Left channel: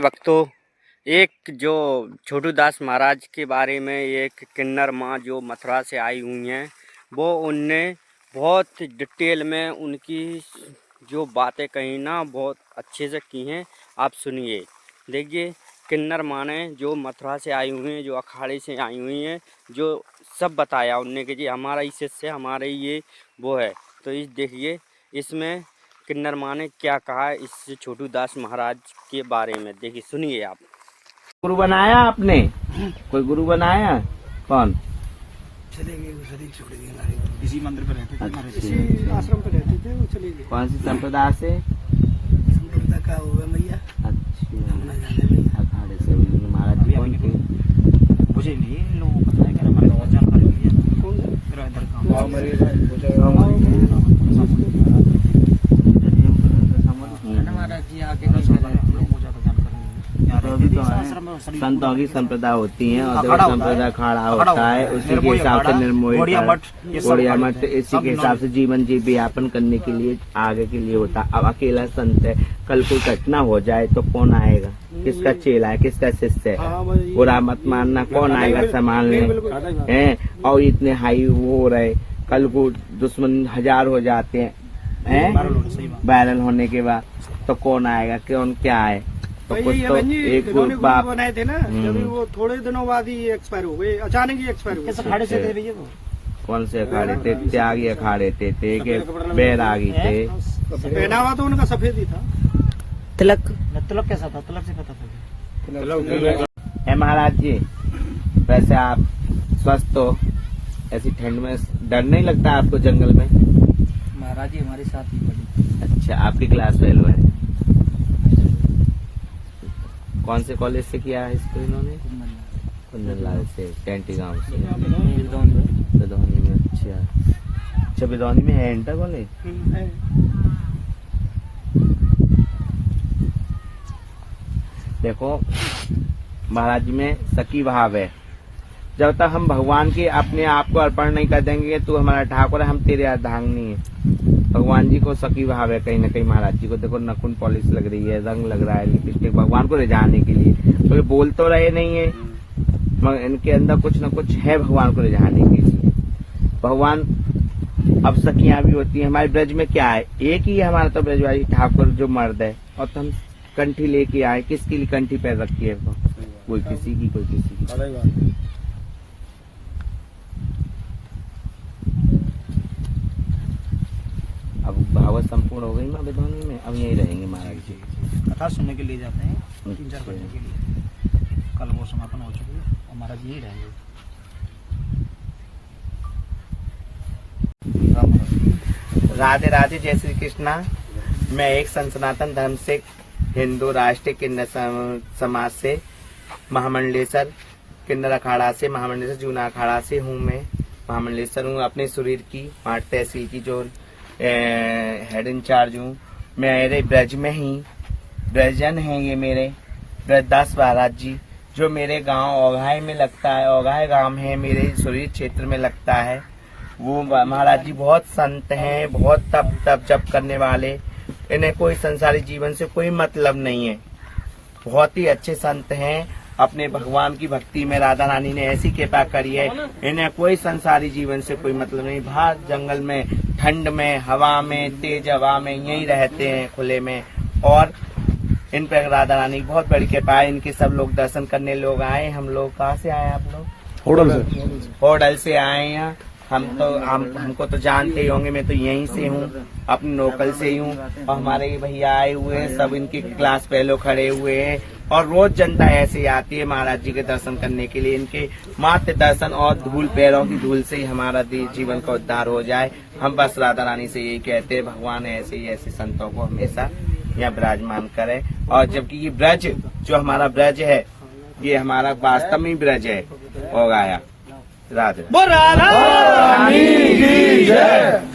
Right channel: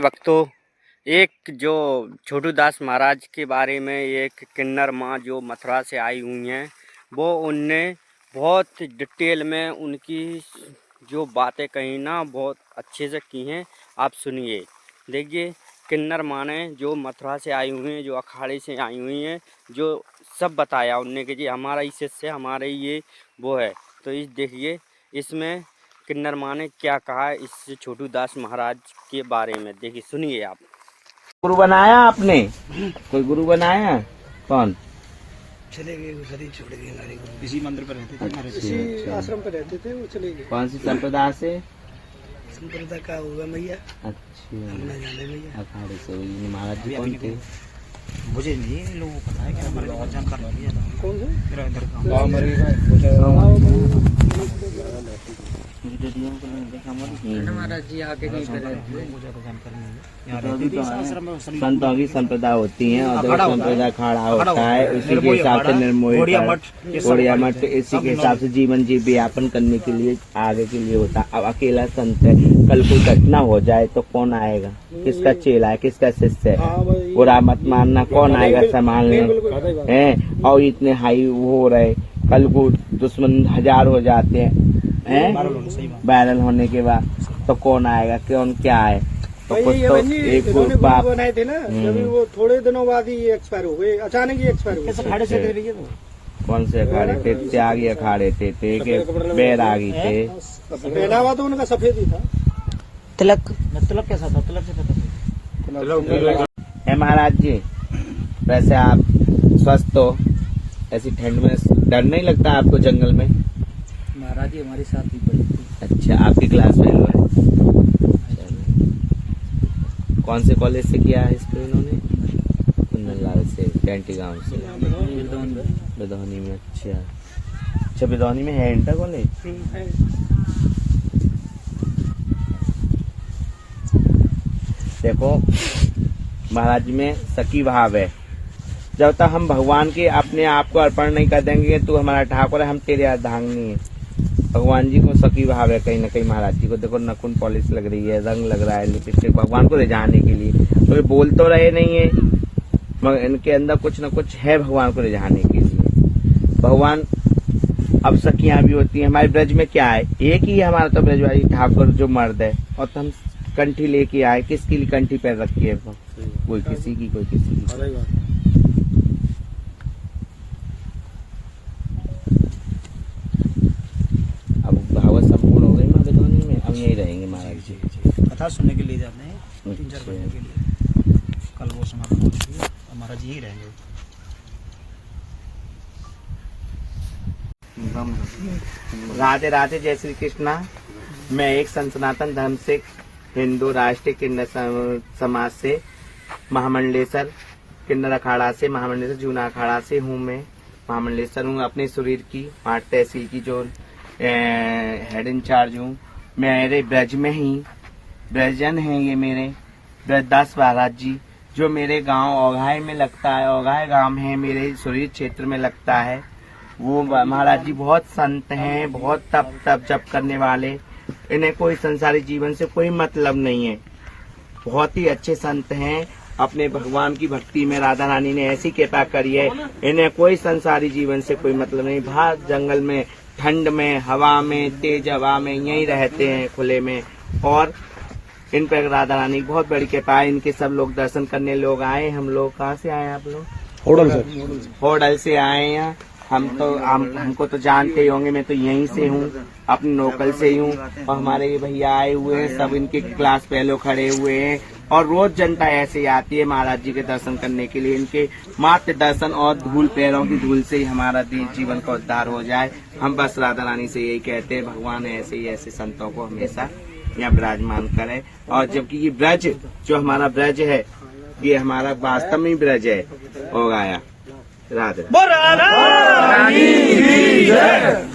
भक्तों, एक जो छोटू दास महाराज के बारे में एक किन्नर माँ जो मथुरा से आई हुई हैं, वो उनने बहुत डिटेल में उनकी जो बातें कही ना बहुत अच्छे से की हैं। आप सुनिए। देखिए, किन्नर माँ ने जो मथुरा से आई हुई हैं, जो अखाड़े से आई हुई हैं, जो सब बताया उनने कि जी हमारा इस से हमारे ये वो है। तो इस देखिए इसमें किन्नर माँ ने क्या कहा है इस छोटू दास महाराज के बारे में। देखिए, सुनिए आप। गुरु बनाया आपने? कोई गुरु बनाया? कौन? चले गए, वो शरीर छोड़ गए हमारे को। इसी मंदिर पर रहते थे, इसी आश्रम पे रहते थे, वो चले गए। कौन सी संप्रदाय से? संप्रदाय का होगा मैया। अच्छा, अखाड़े से हुई। महाराज जी कौन थे? मुझे नहीं लोगों को पता है कि हमारे बहुत जानकारी नहीं है। कौन है? मेरा इधर का महाराज जी आगे नहीं लोगों को ज्यादा जानकारी नहीं है। संतों की संप्रदाय होती है और जब संप्रदाय खड़ा होता है उसी के हिसाब से निर्मोही गौड़िया मठ इसी के हिसाब से जीवन यापन करने के लिए आगे के लिए होता है। अब अकेला संत है, कल कोई घटना हो जाए तो कौन आएगा? किसका चेला है, किसका शिष्य है? बुरा मत मानना, कौन आएगा संभालने हैं? और इतने हाई वो हो रहे, कल को दुश्मन 1000 हो जाते हैं वायरल होने के बाद, तो कौन आएगा? कौन क्या है? तो कुछ तो एक बाप बनाए थे ना, अभी वो थोड़े दिनों बाद ही एक्सपायर हो गए, अचानक ही एक्सपायर हो गए। अखाड़े से थे भैया वो? कौन से अखाड़े थे? त्यागी अखाड़े थे बैरागी थे। पहनावा तो उनका सफेद ही था। तिलक कैसा था? तिलक से पता था। महाराज जी, वैसे आप स्वस्थ हो? ऐसी ठंड में डर नहीं लगता आपको जंगल में? महाराज जी हमारे साथ ही पढ़े। अच्छा, आपकी क्लास में कौन से कॉलेज से किया है इसको इन्होंने? कुंदनलाल से, कैंटी गांव से, बिदौनी में। अच्छा, बिदौनी में है इंटर कॉलेज? देखो, महाराज जी में सखी भाव है। जब तक हम भगवान के अपने आप को अर्पण नहीं कर देंगे, तू हमारा ठाकुर है, हम तेरे अर्धांगिनी है। भगवान जी को सखी भाव है कहीं ना कहीं। महाराज जी को देखो, नखून पॉलिश लग रही है, रंग लग रहा है लिपस्टिक, भगवान को रिझाने के लिए। तो ये बोल तो रहे नहीं है, मगर इनके अंदर कुछ न कुछ है भगवान को रिझाने के लिए। भगवान अब सखियां भी होती है। हमारे ब्रज में क्या है? एक ही है हमारा तो ब्रजवासी ठाकुर जो मर्द है, और तो हम कंठी लेके आए। किसकी लिए कंठी पैर रखी है? कोई किसी की, कोई किसी की। अब भावत संपूर्ण हो गई ना बिदौनी में, अब यही रहेंगे महाराज जी। कथा सुनने के लिए जाते हैं 3-4 घंटे के लिए। कल वो समापन हो चुकी है, हमारा जी यही रहेंगे। राधे राधे, जय श्री कृष्णा। मैं एक सनातन धर्म से हिंदू राष्ट्रीय किन्नर समाज से महामंडलेश्वर किन्नर अखाड़ा से, महामंडलेश्वर जूना अखाड़ा से हूँ। मैं महामंडलेश्वर हूँ, अपने शरीर की माट तहसील की जो हेड इंचार्ज हूँ। मेरे ब्रज में ही ब्रजन है ये मेरे ब्रजदास महाराज जी, जो मेरे गांव ओघाई में लगता है। ओघाई गांव है मेरे शरीर क्षेत्र में लगता है। वो महाराज जी बहुत संत हैं, बहुत तप जप करने वाले। इन्हें कोई संसारी जीवन से कोई मतलब नहीं है। बहुत ही अच्छे संत हैं। अपने भगवान की भक्ति में राधा रानी ने ऐसी कृपा करी है, इन्हें कोई संसारी जीवन से कोई मतलब नहीं। बाहर जंगल में, ठंड में, हवा में, तेज हवा में यही रहते हैं खुले में। और इन पर राधा रानी की बहुत बड़ी कृपा है। इनके सब लोग दर्शन करने लोग आए। हम लोग कहाँ से आए? आप लोग होडल से आए हैं। हमको तो जानते ही होंगे, मैं तो यहीं से हूँ, अपने लोकल से ही हूँ। और हमारे ये भैया आए हुए हैं, सब इनके क्लास पहले खड़े हुए हैं। और रोज जनता ऐसे आती है महाराज जी के दर्शन करने के लिए। इनके मात्र दर्शन और धूल, पैरों की धूल से ही हमारा जीवन का उद्धार हो जाए। हम बस राधा रानी से यही कहते हैं, भगवान ऐसे ही ऐसे संतों को हमेशा यहाँ विराजमान करे। और जबकि ये ब्रज जो हमारा ब्रज है, ये हमारा वास्तव में ब्रज है। हो गया। राधे रानी की जय।